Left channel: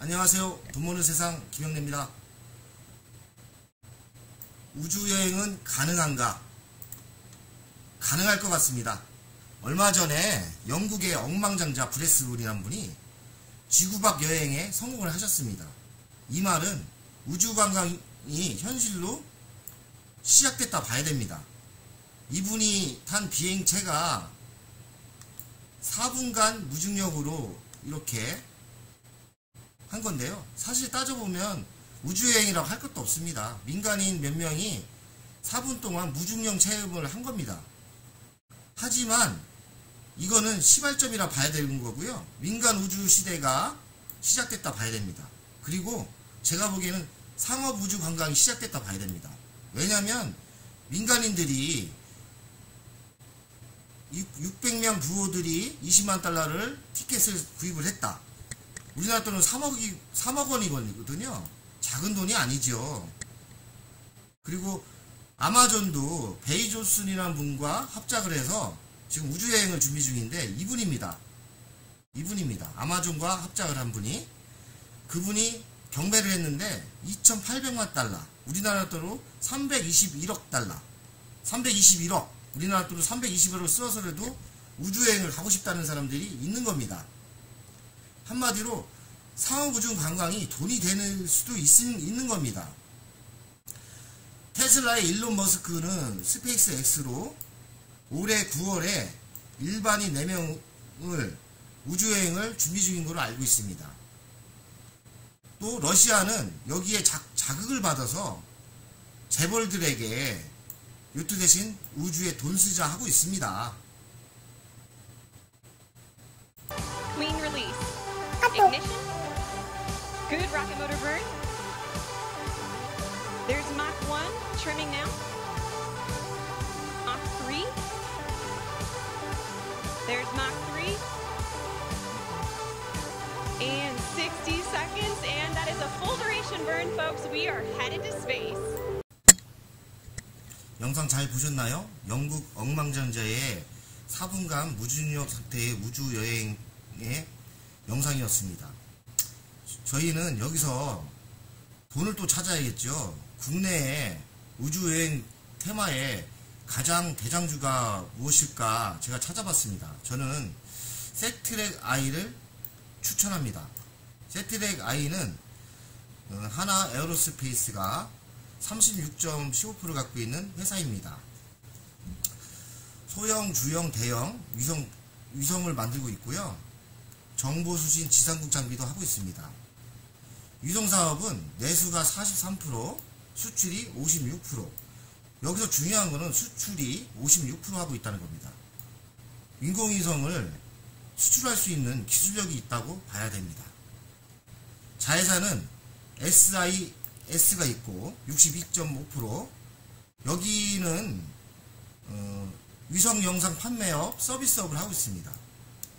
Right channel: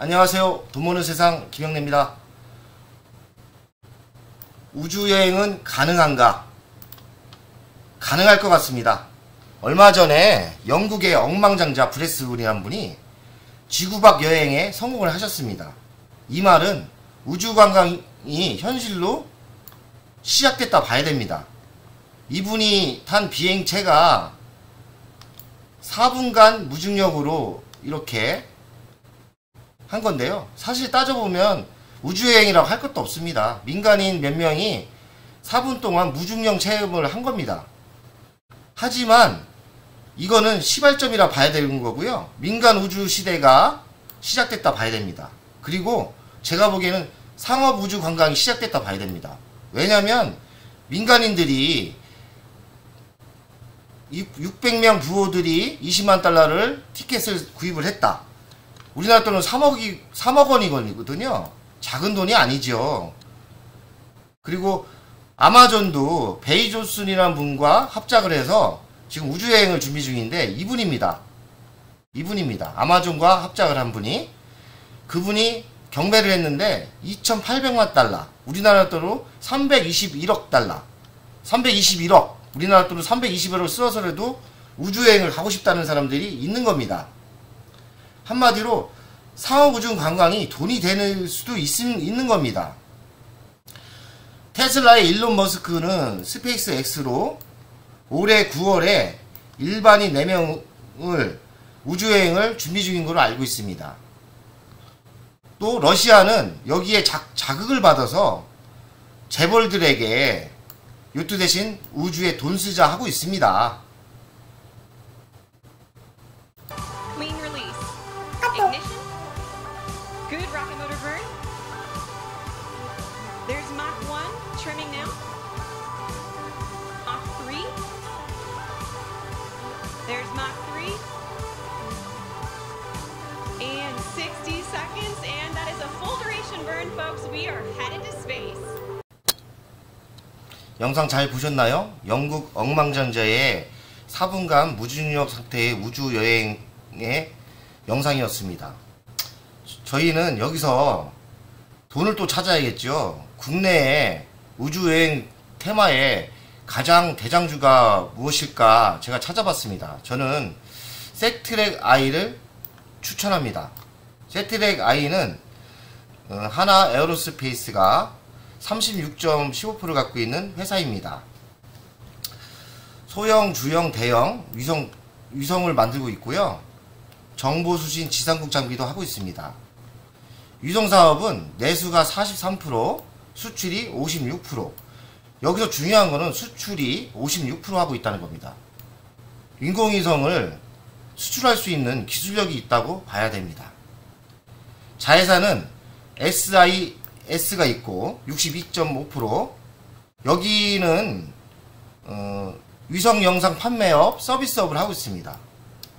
안녕하세요. 돈 버는 세상 김영래입니다. 우주여행은 가능한가? 가능할 것 같습니다. 얼마 전에 영국의 억만장자 브레스군이라는 분이 지구밖 여행에 성공을 하셨습니다. 이 말은 우주관광이 현실로 시작됐다 봐야 됩니다. 이분이 탄 비행체가 4분간 무중력으로 이렇게 한 건데요. 사실 따져보면 우주여행이라고 할 것도 없습니다. 민간인 몇 명이 4분 동안 무중력 체험을 한 겁니다. 하지만 이거는 시발점이라 봐야 되는 거고요. 민간 우주 시대가 시작됐다 봐야 됩니다. 그리고 제가 보기에는 상업 우주 관광이 시작됐다 봐야 됩니다. 왜냐면 민간인들이 600명 부호들이 20만 달러를 티켓을 구입을 했다. 우리나라 돈은 3억 원이거든요. 작은 돈이 아니죠. 그리고 아마존도 베이조슨이라는 분과 합작을 해서 지금 우주여행을 준비 중인데 이분입니다. 아마존과 합작을 한 분이, 그분이 경매를 했는데 2,800만 달러, 우리나라 돈으로 321억 달러, 321억, 우리나라 돈으로 321억을 써서라도 우주여행을 가고 싶다는 사람들이 있는 겁니다. 한마디로 상업 우주 관광이 돈이 되는 수도 있는 겁니다. 테슬라의 일론 머스크는 스페이스 X로 올해 9월에 일반인 4명을 우주여행을 준비 중인 걸로 알고 있습니다. 또 러시아는 여기에 자극을 받아서 재벌들에게 요트 대신 우주에 돈 쓰자 하고 있습니다. Clean release. Ignition. Good rocket motor burn. There's Mach 1 trimming now. Mach 3. There's Mach 3. And 60 seconds, and that is a full duration burn, folks. We are headed to space. 영상 잘 보셨나요? 영국 억만장자의 4분간 무중력 상태의 우주여행의 영상이었습니다. 저희는 여기서 돈을 또 찾아야겠죠. 국내에 우주여행 테마에 가장 대장주가 무엇일까 제가 찾아봤습니다. 저는 세트랙 I를 추천합니다. 세트랙 I는 하나 에어로스페이스가 36.15% 갖고 있는 회사입니다. 소형, 주형, 대형 위성을 만들고 있고요. 정보수신 지상국 장비도 하고 있습니다. 위성사업은 내수가 43%, 수출이 56%. 여기서 중요한 거는 수출이 56% 하고 있다는 겁니다. 인공위성을 수출할 수 있는 기술력이 있다고 봐야 됩니다. 자회사는 SIS가 있고 62.5%. 여기는 위성 영상 판매업, 서비스업을 하고 있습니다.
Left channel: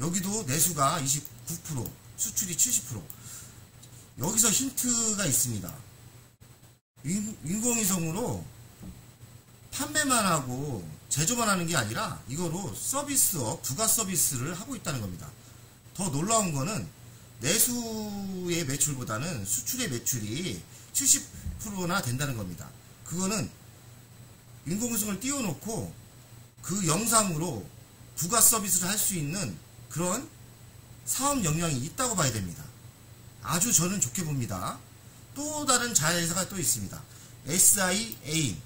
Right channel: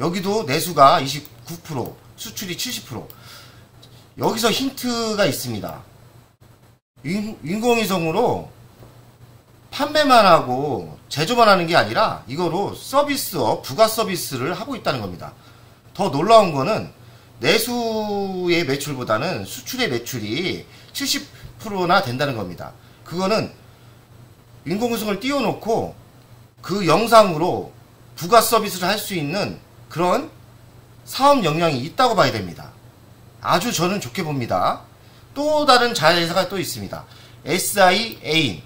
여기도 내수가 29%, 수출이 70%. 여기서 힌트가 있습니다. 인공위성으로 판매만 하고 제조만 하는 게 아니라 이거로 서비스업, 부가 서비스를 하고 있다는 겁니다. 더 놀라운 거는 내수의 매출보다는 수출의 매출이 70%나 된다는 겁니다. 그거는 인공위성을 띄워놓고 그 영상으로 부가 서비스를 할 수 있는 그런 사업 역량이 있다고 봐야 됩니다. 아주 저는 좋게 봅니다. 또 다른 자회사가 또 있습니다. SIAIN.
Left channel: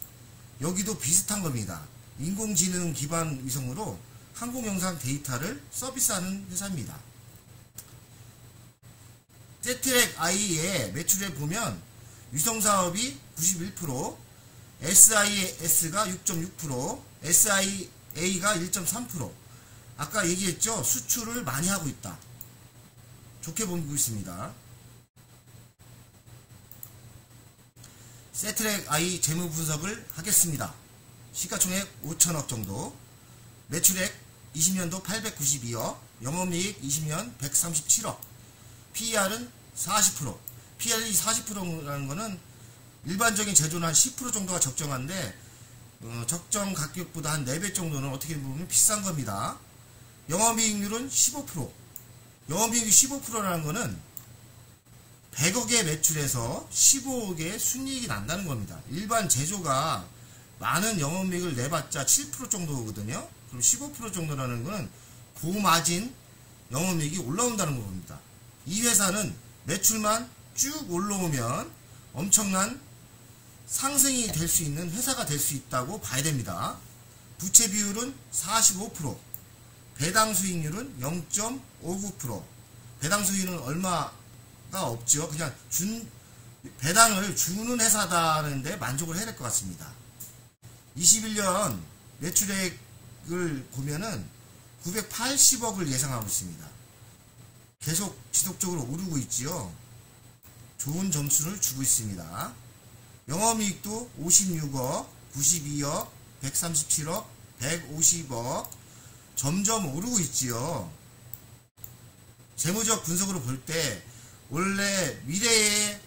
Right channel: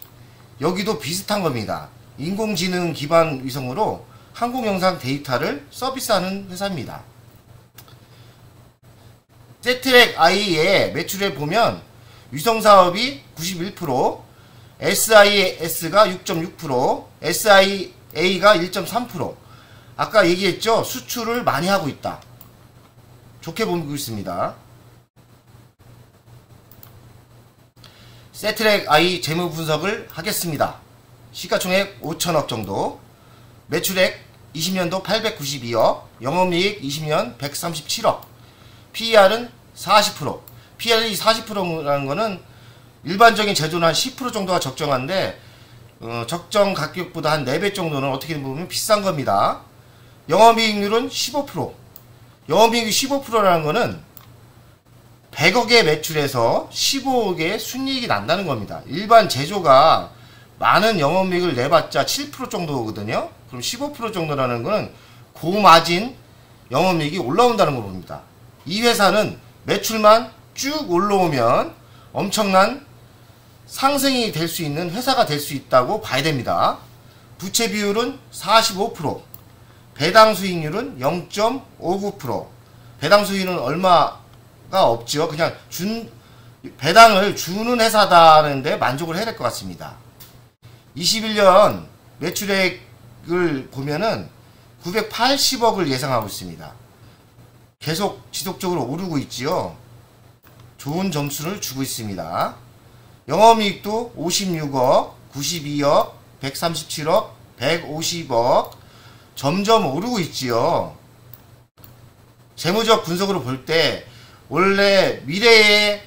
여기도 비슷한 겁니다. 인공지능 기반 위성으로 항공영상 데이터를 서비스하는 회사입니다. 세트랙 I의 매출에 보면 위성사업이 91%, SIS가 6.6%, SIA가 1.3%. 아까 얘기했죠? 수출을 많이 하고 있다. 좋게 보고 있습니다. 세트랙 I 재무 분석을 하겠습니다. 시가총액 5천억 정도, 매출액 20년도 892억, 영업이익 20년 137억, PER은 40%. PER이 40%라는 거는 일반적인 제조는 한 10% 정도가 적정한데 적정 가격보다 한 4배 정도는 어떻게 보면 비싼 겁니다. 영업이익률은 15%. 영업이익이 15%라는 거는 100억의 매출에서 15억의 순이익이 난다는 겁니다. 일반 제조가 많은 영업이익을 내봤자 7% 정도거든요. 그럼 15% 정도라는 거는 고마진 영업이익이 올라온다는 겁니다. 이 회사는 매출만 쭉 올라오면 엄청난 상승이 될 수 있는 회사가 될 수 있다고 봐야 됩니다. 부채 비율은 45%, 배당 수익률은 0.59%. 배당 수익률은 얼마가 없죠. 그냥 배당을 주는 회사다는데 만족을 해야 될 것 같습니다. 21년 매출액을 보면은 980억을 예상하고 있습니다. 계속 지속적으로 오르고 있지요. 좋은 점수를 주고 있습니다. 영업이익도 56억, 92억, 137억, 150억 점점 오르고 있지요. 재무적 분석으로 볼 때 원래 미래의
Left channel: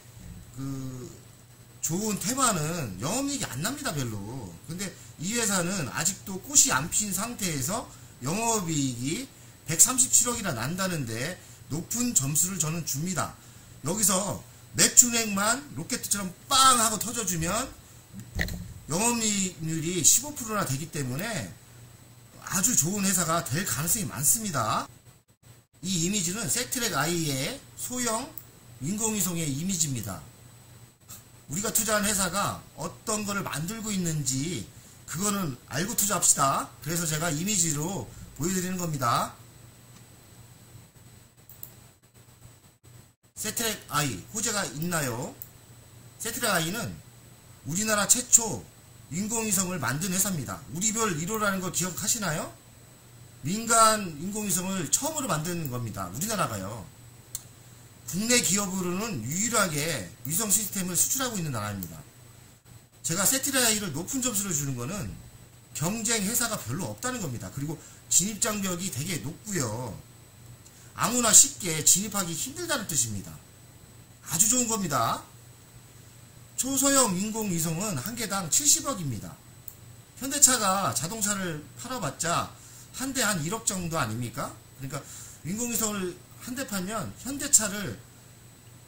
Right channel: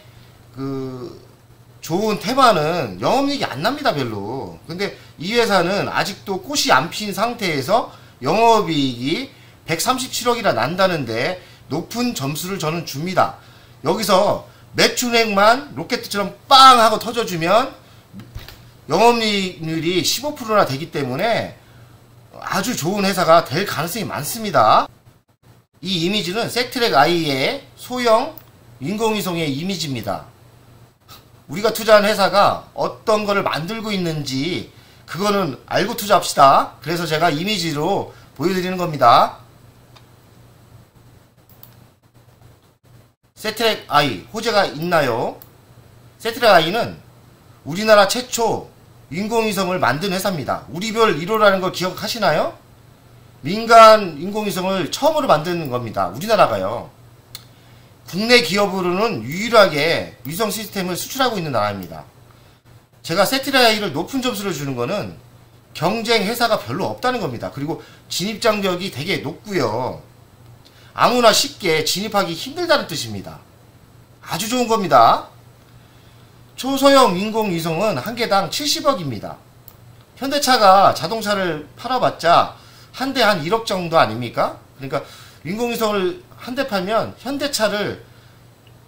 좋은 테마는 영업이익이 안 납니다, 별로. 근데 이 회사는 아직도 꽃이 안 핀 상태에서 영업이익이 137억이나 난다는데 높은 점수를 저는 줍니다. 여기서 매출액만 로켓처럼 빵 하고 터져주면 영업이익률이 15%나 되기 때문에 아주 좋은 회사가 될 가능성이 많습니다. 이 이미지는 세트랙 I의 소형 인공위성의 이미지입니다. 우리가 투자한 회사가 어떤 거를 만들고 있는지 그거는 알고 투자합시다. 그래서 제가 이미지로 보여드리는 겁니다. 세트랙 I 호재가 있나요? 세트랙 I는 우리나라 최초 인공위성을 만든 회사입니다. 우리별 1호라는 걸 기억하시나요? 민간 인공위성을 처음으로 만드는 겁니다. 우리나라가요. 국내 기업으로는 유일하게 위성 시스템을 수출하고 있는 나라입니다. 제가 세트랙 I를 높은 점수를 주는 거는 경쟁 회사가 별로 없다는 겁니다. 그리고 진입장벽이 되게 높고요. 아무나 쉽게 진입하기 힘들다는 뜻입니다. 아주 좋은 겁니다. 초소형 인공위성은 한 개당 70억입니다. 현대차가 자동차를 팔아봤자 한 대 한 1억 정도 아닙니까? 그러니까 인공위성을 한 대 팔면 현대차를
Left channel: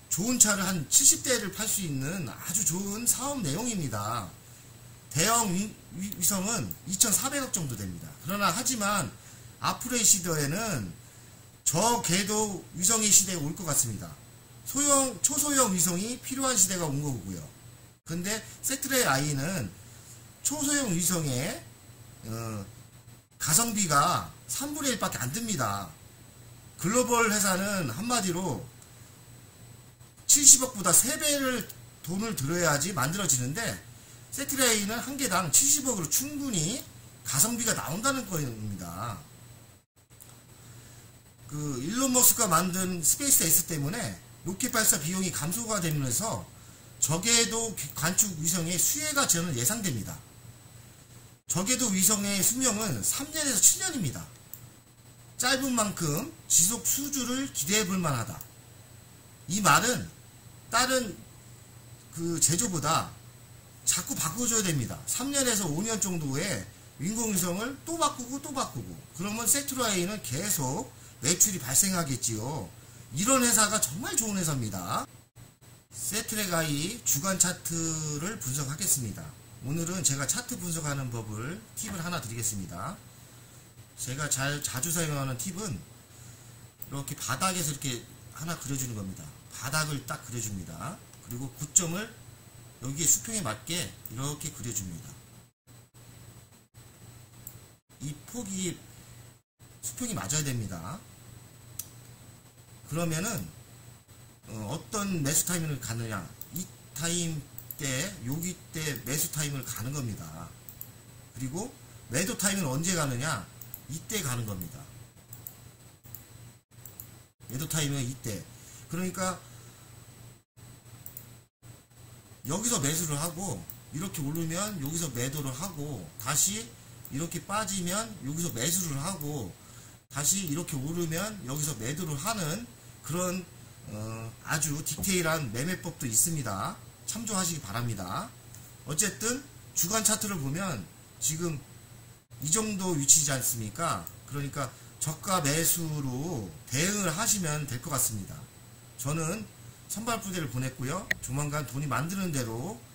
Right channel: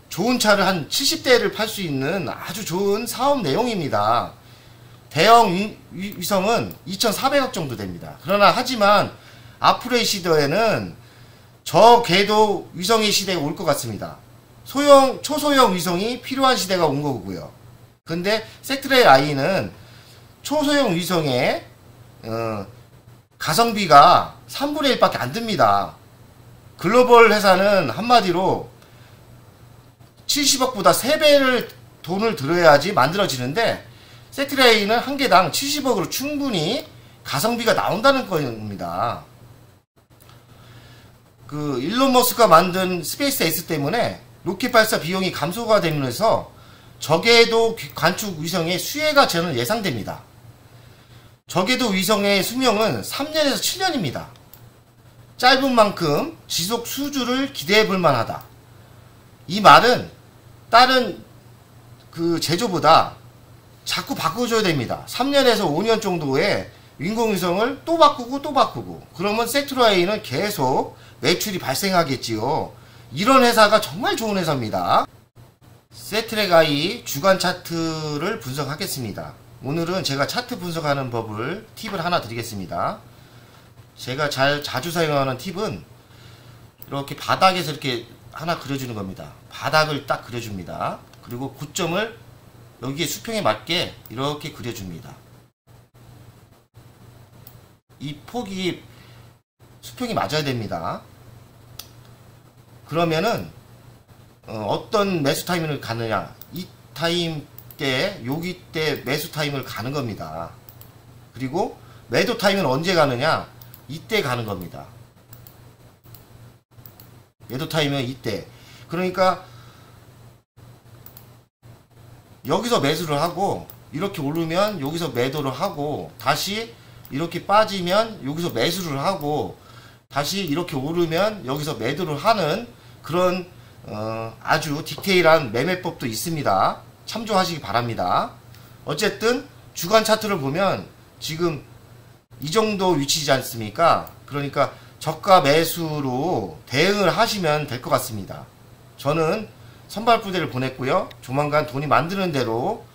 좋은 차를 한 70대를 팔 수 있는 아주 좋은 사업 내용입니다. 대형 위성은 2,400억 정도 됩니다. 그러나 하지만 앞으로의 시대에는 저 궤도 위성의 시대가 올 것 같습니다. 초소형 위성이 필요한 시대가 온 거고요. 근데 세트랙 I는 초소형 위성의 가성비가 3분의 1밖에 안 듭니다. 글로벌 회사는 한마디로 70억보다 3배를 돈을 들어야지 만들어지는데 세트랙 I는 한 개당 70억으로 충분히 가성비가 나온다는 겁니다. 일론 머스크가 만든 스페이스 X 때문에 로켓 발사 비용이 감소가 되면서 저궤도 관측 위성의 수혜가 저는 예상됩니다. 저궤도 위성의 수명은 3년에서 7년입니다. 짧은 만큼 지속 수주를 기대해 볼 만하다. 이 말은 다른 제조보다 자꾸 바꿔줘야 됩니다. 3년에서 5년 정도의 인공위성을 또 바꾸고 그러면 세트랙 I는 계속 매출이 발생하겠지요. 이런 회사가 정말 좋은 회사입니다. 세트랙 I 주간 차트를 분석하겠습니다. 오늘은 제가 차트 분석하는 팁을 하나 드리겠습니다. 제가 자주 사용하는 팁은 이렇게 바닥에서 이렇게 하나 그려주는 겁니다. 바닥을 딱 그려줍니다. 그리고 고점을 여기에 수평에 맞게 이렇게 그려줍니다. 이 폭이 수평이 맞아야 됩니다. 그러면은 어떤 매수 타이밍을 가느냐, 이 타임 때 여기 때 매수 타임을 가는 겁니다. 그리고 매도 타임은 언제 가느냐, 이때 가는 겁니다. 매도 타임은 이때. 그러니까 여기서 매수를 하고 이렇게 오르면 여기서 매도를 하고 다시 이렇게 빠지면 여기서 매수를 하고 다시 이렇게 오르면 여기서 매도를 하는 그런 아주 디테일한 매매법도 있습니다. 참조하시기 바랍니다. 어쨌든 주간 차트를 보면 지금 이 정도 위치지 않습니까? 그러니까 저가 매수로 대응을 하시면 될 것 같습니다. 저는 선발 부대를 보냈고요. 조만간 돈이 만드는 대로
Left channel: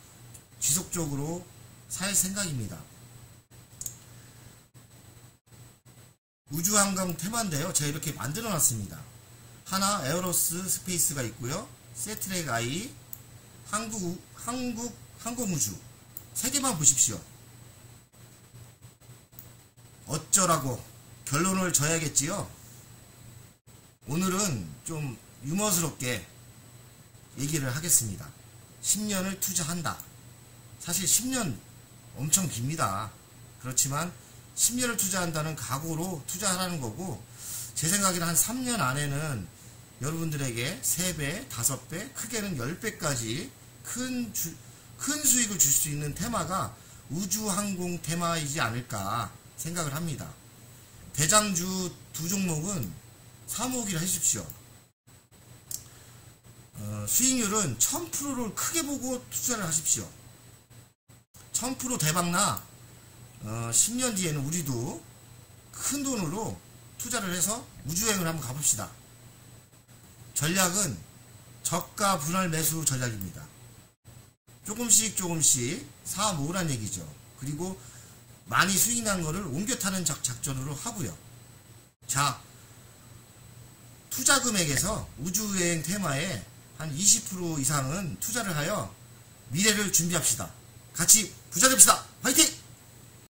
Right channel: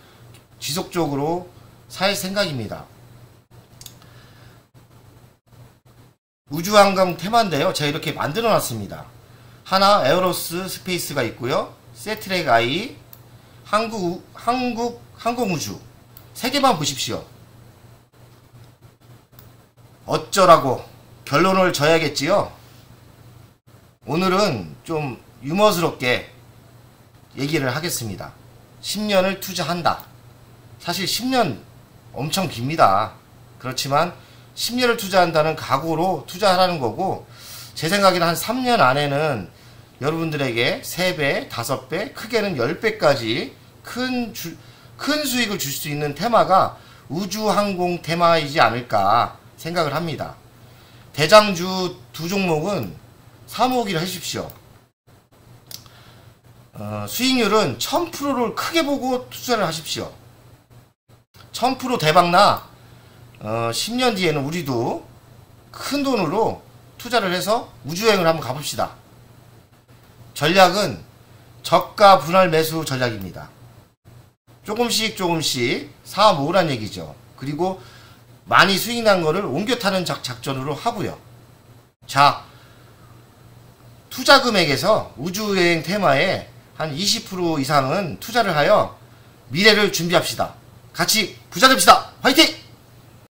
지속적으로 살 생각입니다. 우주항공 테마인데요. 제가 이렇게 만들어 놨습니다. 하나 에어로스 스페이스가 있고요. 세트랙 I, 항공우주 3개만 보십시오. 어쩌라고 결론을 져야겠지요. 오늘은 좀 유머스럽게 얘기를 하겠습니다. 10년을 투자한다. 사실 10년 엄청 깁니다. 그렇지만 10년을 투자한다는 각오로 투자하라는 거고, 제 생각에는 한 3년 안에는 여러분들에게 3배, 5배, 크게는 10배까지 큰 수익을 줄 수 있는 테마가 우주항공 테마이지 않을까 생각을 합니다. 대장주 두 종목은 사모기를 하십시오. 수익률은 1000%를 크게 보고 투자를 하십시오. 1000% 대박나 10년 뒤에는 우리도 큰 돈으로 투자를 해서 우주여행을 한번 가봅시다. 전략은 저가 분할 매수 전략입니다. 조금씩 사 모으란 얘기죠. 그리고 많이 수익 난 거를 옮겨 타는 작전으로 하고요. 자, 투자 금액에서 우주여행 테마에 한 20% 이상은 투자를 하여 미래를 준비합시다. 같이 부자 됩시다. 화이팅!